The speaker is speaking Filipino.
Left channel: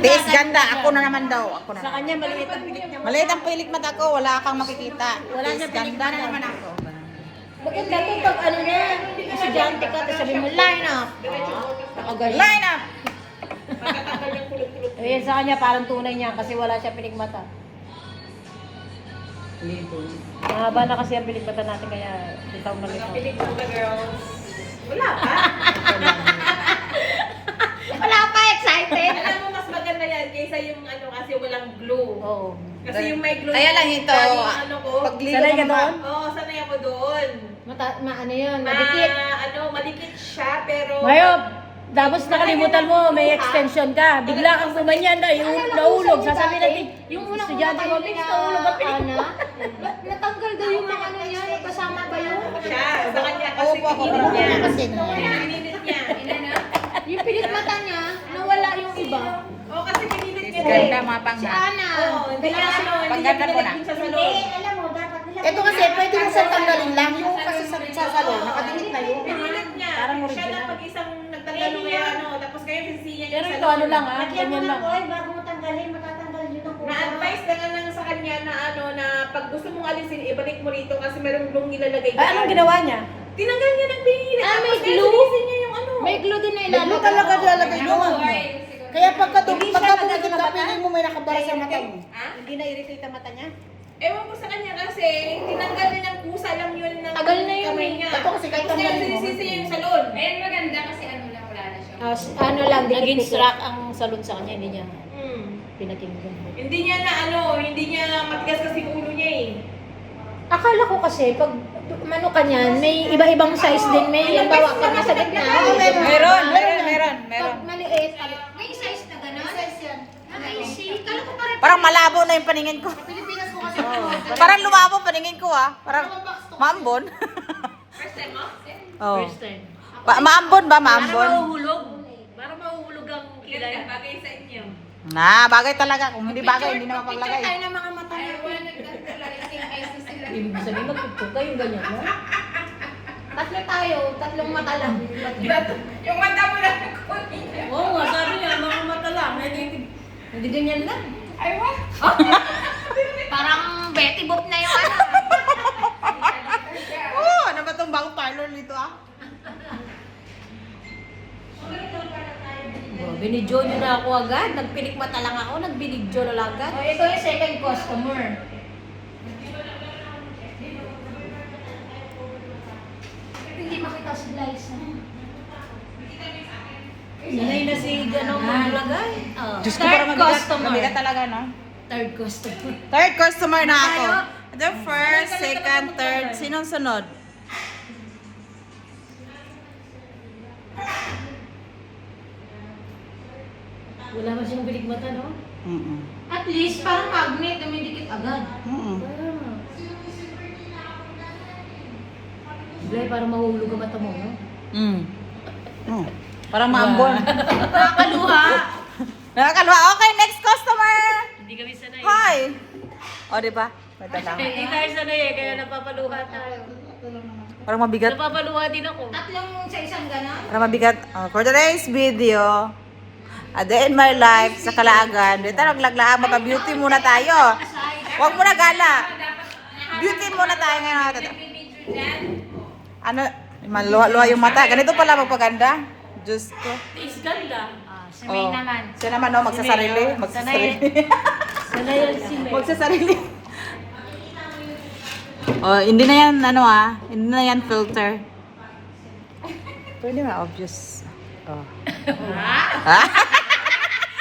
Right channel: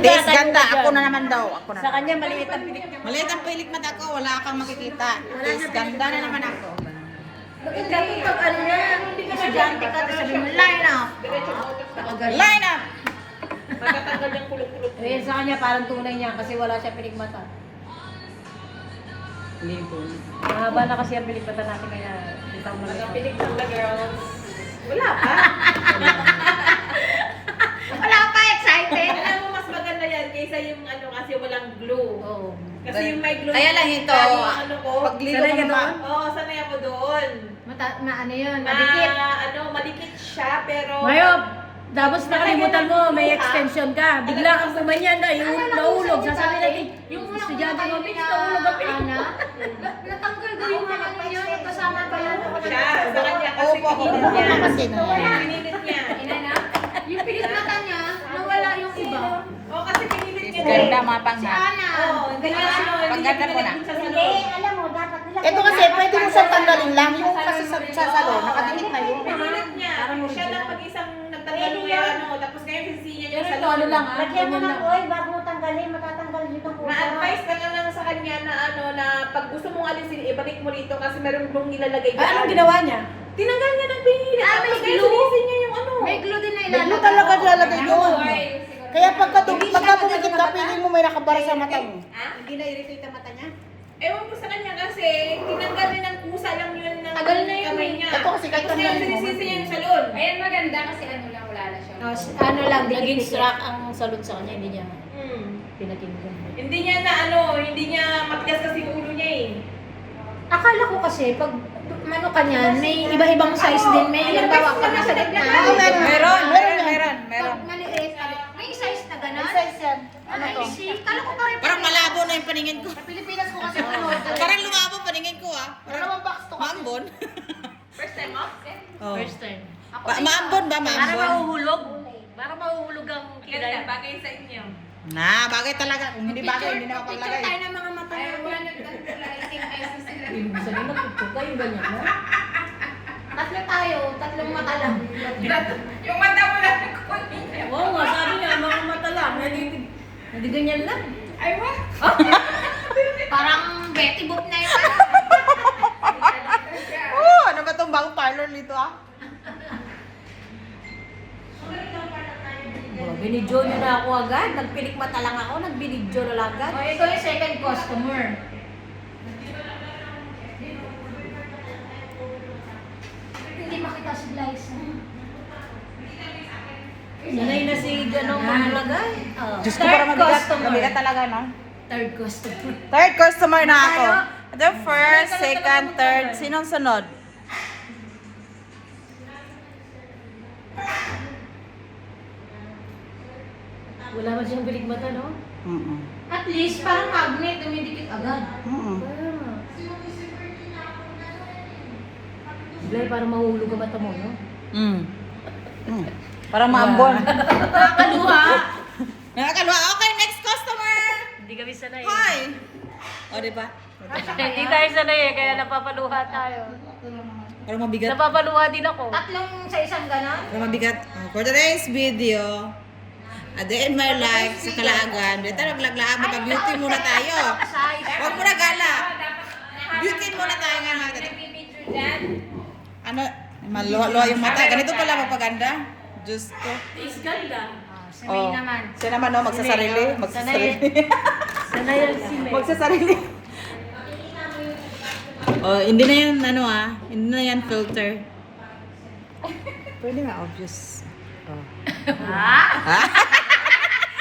Tiis ganda. Ako na naman daw. Ako na Sa naman. kanya, maliit ang pilik niya. Maliit ang pilik mata ko. Wala kang makikita. Tiis ganda na naman ako. Bakit dati pag ano na, estudyante ka, sabi mo, line up. Line up! Eh, sa kanya parang tunay niya kasi wala siya pilikmata. Mahaba na kasi ang pilikmata natin kaya hindi tayo maliit. Wala pa. Wala pa, excited! Alam mo, mas maganda yan kaysa yung ano kasi walang glue. Oo. Kasi yung may glue. Kaya lang ito, yung ano ko. paglilo Sanay ka mo doon? Oo, sanay ako doon. Ano yun, madikit. Madikit siya, pero... Mayop! Tapos nakalimutan mo, may extension ka. Bigla kang gumanyan na, yung naulog. Sasabi natin, yung estudyante mo, Vince, naulog ang pilikmata. Natanggal daw yung mga ano yun, kasama ba yun? Siya, sa kanya kasi. Opo, ako na kasi na. Pinilit niya. Yung pilikmata niya, nawala yung iba. Oo, kasi pinilit niya. Ganda mga panghat. Oo, hindi na siya. Paggandan ko na. Sa salon. Alam mo, dapat Ito kasi, pwede mo siyang tanggalin lang. Yung kasi sa salon, nakadikit na yun. Pinilit niya. Parang Siya original. lang pag-isang nagtanggal ng ano, tapos ngayon sisi niya Pero yung ito salon. ano lang ha, Lagyan mo ganyan ng lang. oil bago mo tanggalin, matatanggal dito ang pusa. Na-advise ka lang sa kanya na ano, na pag gusto mong alisin, ibalik mo rito kasi merong glue nilalagay Ah, anong ginawa niya? Tinanggal niya ng pinilit. Ah, may Tapos glue? sinisin niya yung ano. May glue din na May glue talaga nilalagay doon. Kaya pagka pumikit ka, piling mo may nakabara sa mata mo. Ha? Hindi na-irritate ang mata niya? Ewan ko sa kanya kasi tinanggal na ng kusa lang yun ng Tagal na yun kamay eh. niya. Ito kasi kahit Tapos tanggalin ngayon mo, sinisisi niya yung salon. Ayan maganda kasi ano lang, wala na siya. Ano lang, nag-instruct ang salon sa kanya, hindi niya Hmm. pinatindigan. Hindi niya na ano, hindi niya matigas kasi yung ulo niya eh. Akala ko kasi, pag ano ka niyan, may iba-ibang size din. May halimbawa pag nasa gitna. Meron. Maliit. May size na gano'n? Ay, see. Kala ko pa rin. Parang malabo na yung paningin ko. Pilipinas ko kasi Parang lumabo paningin ko ah. Parang maambon. First time mo? Oh. First time. Maambon ba? Parang Maambon? mahuhulog. Parang mahuhulog ang kilay. Ganda, bagay sa inyo. Na, bagay talaga. Kung hindi bagay, hindi na Picture mapaglagay. tayo ng mga mata niyo. Nag-clarify eyes na sila. Ibig sabihin, magpupok kayo ganyan, no? Tatlo tayo, tatlong mata lang. Yung mata mo lang kunin niya. Oo nga, sabi niya, mga mata lang. Hindi ganyan lang. Ay, what? Parang Betty Boop na yung ano. Oh, ano ba itong bagong parlor nito ah? Binidyo niyo na ako agad. Nagpilikmata lang ako, nagbinidyo na lang agad. O, ito yung second customer. Hindi makita si Liza. Sanay na si ganong maglagay. Diyos ko, parang mabigat. Mabigat talaga, no? Third customer. Third customer na ako. The first, second, third. Sinong sunod? Wala man siyang pilikmata, no? At least, parang magnet, dumidikit agad. Blay, parang mahulog ang mata mo, no? Parang maambon. Nakakaluha. Nakakaluha. Okay, next customer. Hindi kami sanay. Hi. O, di ba? Hindi tayo sanay eh, kaya napapaluha tayo. Parang mabigat. Napapaluha din ako. Tatlong yung sa isang ganon. Parang mabigat. For today's video, a day in my life sa Calaagan. Dito naglaglaan, mapa-beauty muna tayo. Huwag muna gala. Beauty muna tayo ngayon. Ano, maluha-luha yung mata. Ganito pala magpaganda. Diyos ko. Is ganda. Oh, naman. siya naman, no? Magsasarili. Magsasarili. Sanay yan si May. Magsasarili. Oh, hindi na yan, ano ah. Hindi na yan filter. Pwede na, obvious. Oh. Ha? Ha?